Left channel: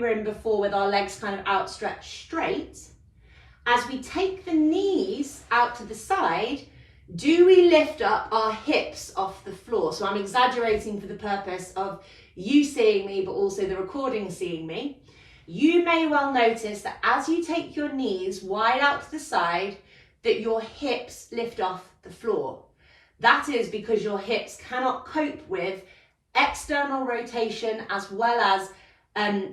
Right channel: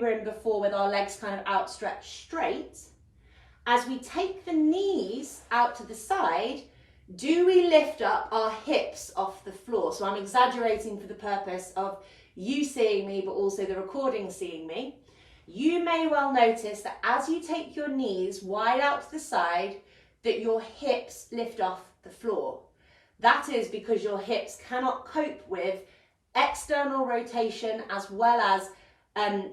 were in before with our legs kind of outstretched straight, as we take the knees out to the side, do we lift up our hips off the floor? So I'm exaggerating for the purpose of you seeing me, but also the recording seeing me. You may well notice that as you take your knees wide out to the side, that your hips lift off the floor. That is because your hips cannot cope with external rotation as well as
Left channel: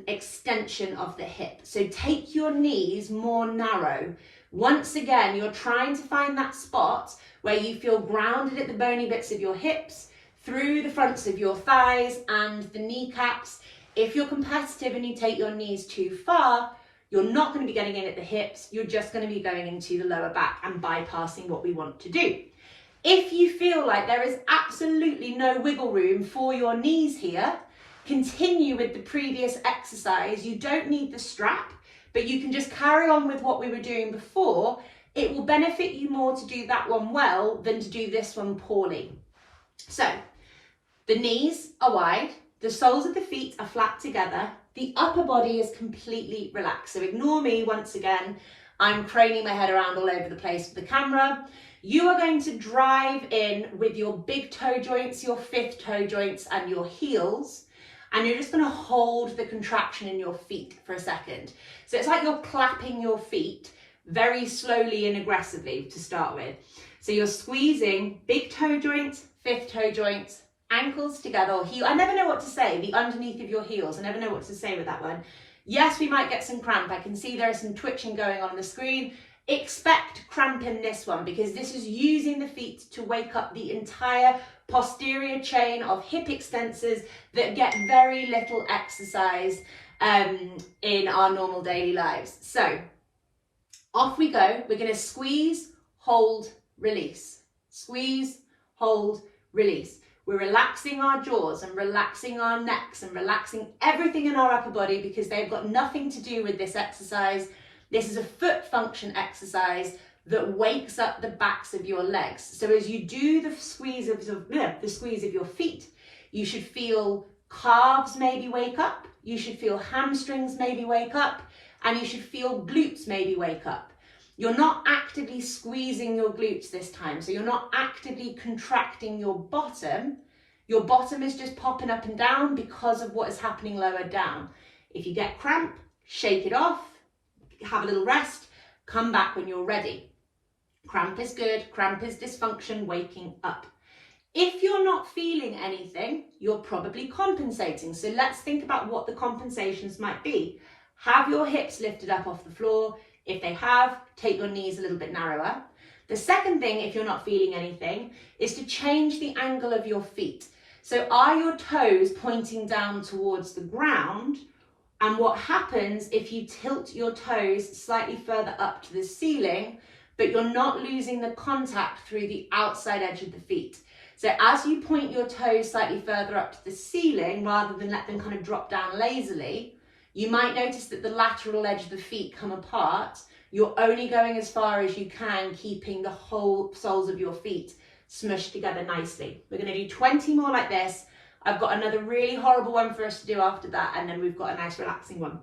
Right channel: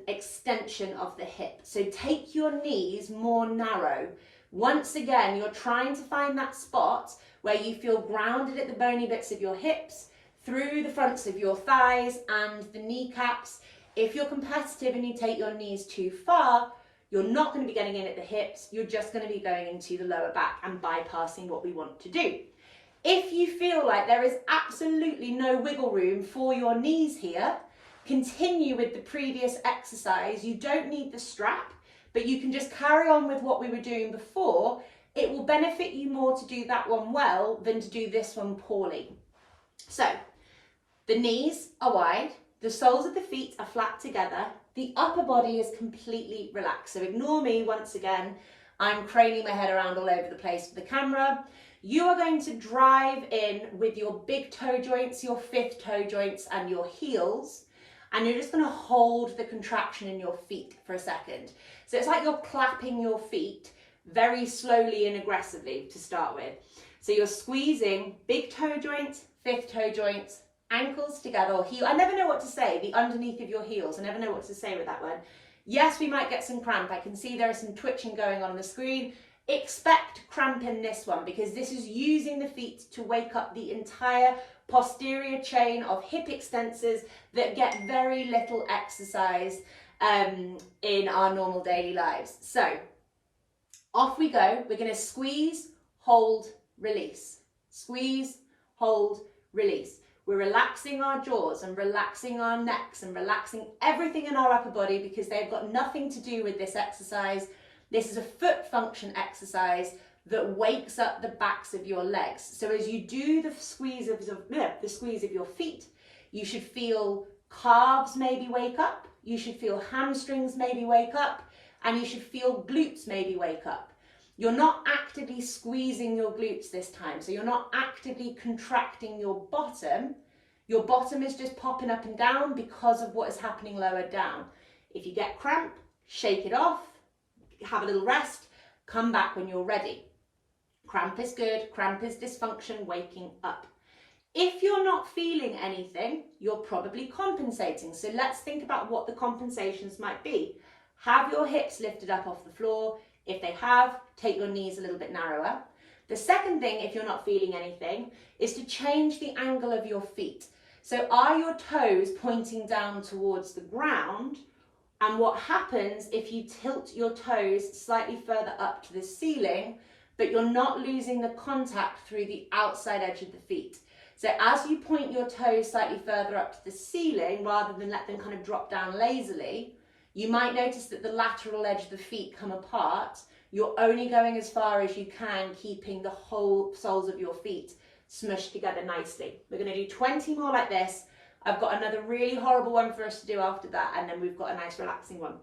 extension of the hip. So take your knees more narrow. Once again, you're trying to find that spot where you feel grounded at the bony bits of your hips, through the fronts of your thighs and the kneecaps. If you're competitive and you take your knees too far, you're not going to be getting in at the hips, you're just going to be going into the lower back and bypassing what we want to do. If you feel like there is absolutely no wiggle room for your knees here, continue with the previous exercise. You don't need the strap, but you can just carry on with what we were doing before. It will benefit you more to do that one well than to do this one poorly. So the knees are wide, the soles of the feet are flat together, the upper body is completely relaxed. So ignore me once again, I'm craning my head around all over the place with the camera. You are going to drive in with your big toe joints, your fifth toe joints and your heels, and you're just going to hold the contraction in your feet for a second. So it's like you're clapping your feet very slowly and aggressively to start with. So you're squeezing big toe joints, fifth toe joints, ankles together, or heel. I never know what to say, the underneath of your heels. I never know what to say with that one. Yes, we might get some cramp. I can see there is some twitching going on the screen. Expect cramp in this one because this is using the feet to wake up the entire posterior chain of hip extensors that get very little exercise in our normal daily lives. So off we go. We're going to squeeze, hold, release. Squeeze, hold, release. We're relaxing our jaws and relaxing our necks and relaxing everything in our upper body because they've got nothing to do with this exercise. This is a foot function exercise that wakes up the backs of your legs. So as you do the squeeze of your feet, you should feel calves maybe wake up, you should feel hamstrings maybe wake up, and you should feel glutes maybe wake up. You're not actively squeezing your glutes this time, so you're not actively contracting your bottom. Your bottom is just popping up and down because of what is happening lower down. If you get cramp, shake it off, have a little rest, come back when you're ready. Cramp is good, cramp is dysfunction, waking up. If you're not feeling anything, you're probably compensating. So let's think about what the compensations might be. Have your hips lifted up off the floor. If they have, take your knees a little bit narrower. The second thing, if you're not feeling anything, is to change the angle of your feet. So are your toes pointing down towards the ground? And what happens if you tilt your toes slightly further up to the ceiling, but you're not losing the contact through the outside edge of the feet? So as you point your toes slightly further up to the ceiling, rather than let them kind of drop down lazily, you might notice that the lateral edge of the feet come apart. You're only going as far as you can, keeping the whole soles of your feet smushed together nicely. We're going to do 20 more like this. I've got another really horrible one for us to do after that, and then we've got a nice relaxing one.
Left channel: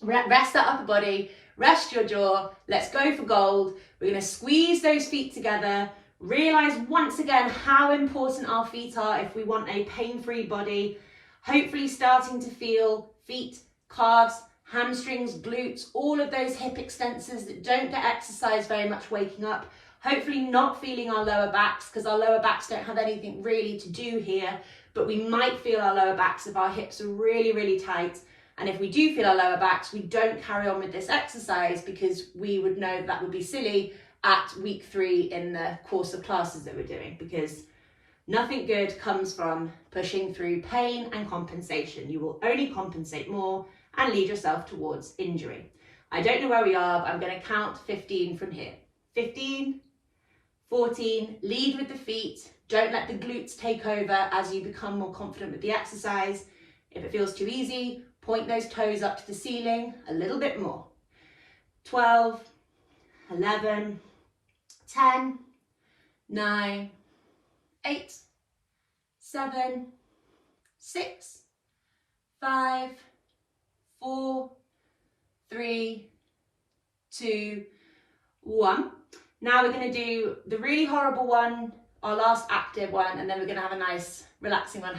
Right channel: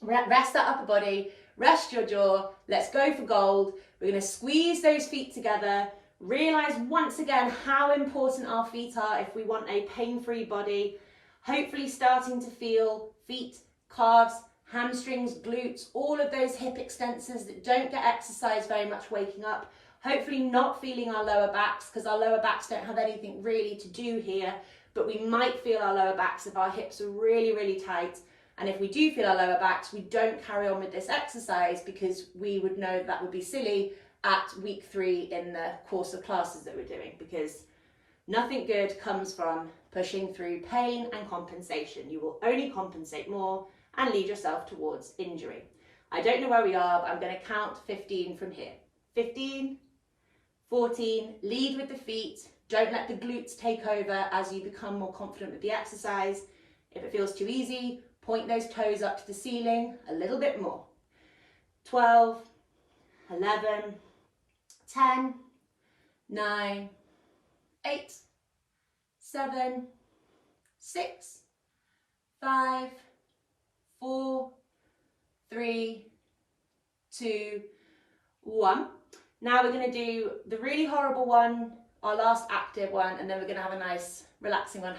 Rest that upper body, rest your jaw. Let's go for gold. We're going to squeeze those feet together. Realize once again how important our feet are if we want a pain-free body. Hopefully starting to feel feet, calves, hamstrings, glutes, all of those hip extensors that don't get exercise very much waking up. Hopefully not feeling our lower backs, because our lower backs don't have anything really to do here, but we might feel our lower backs if our hips are really, really tight. And if we do feel our lower backs, we don't carry on with this exercise because we would know that would be silly at week 3 in the course of classes that we're doing, because nothing good comes from pushing through pain and compensation. You will only compensate more and lead yourself towards injury. I don't know where we are, but I'm going to count 15 from here. 15, 14, lead with the feet. Don't let the glutes take over as you become more confident with the exercise. If it feels too easy, point those toes up to the ceiling a little bit more. 12, 11, 10, 9, 8, 7, 6, 5, 4, 3, 2, 1. Now we're going to do the really horrible one, our last active one, and then we're going to have a nice relaxing one,